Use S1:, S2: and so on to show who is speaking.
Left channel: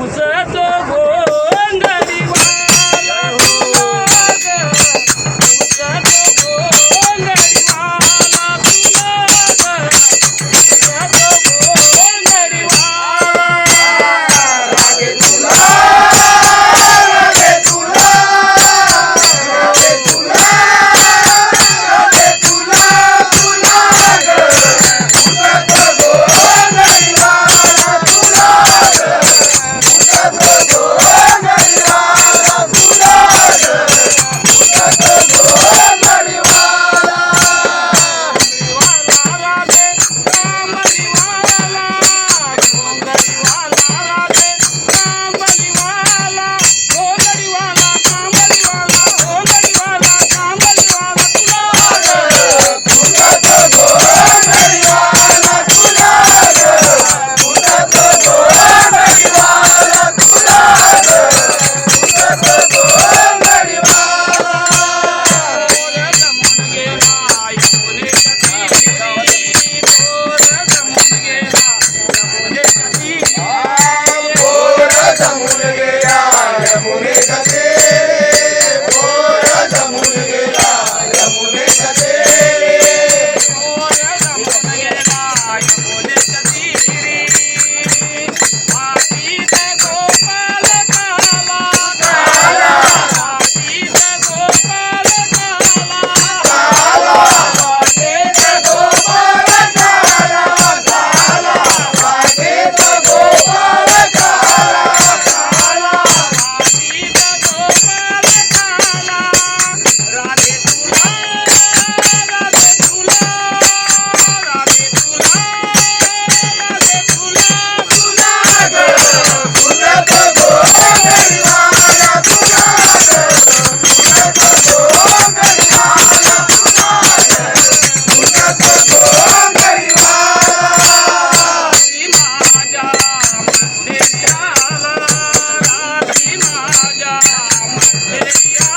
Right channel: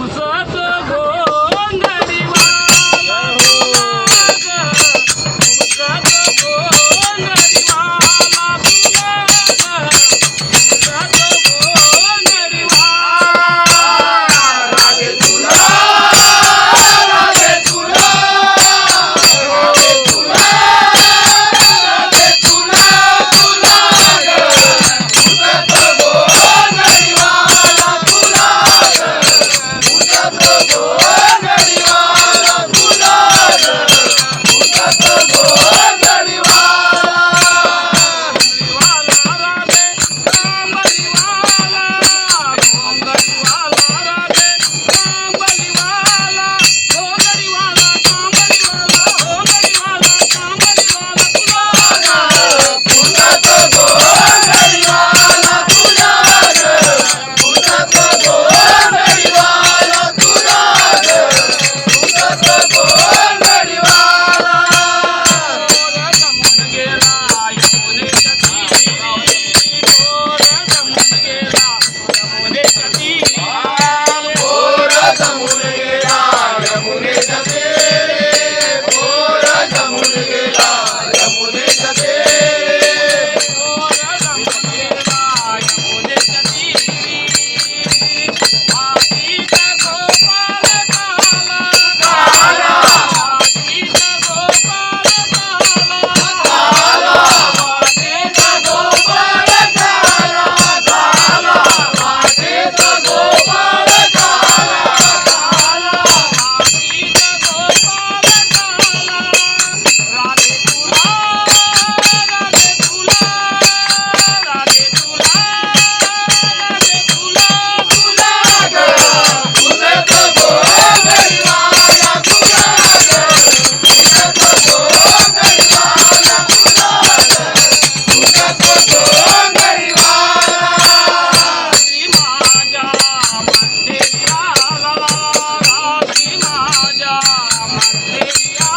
S1: 무슨? Raja Mallya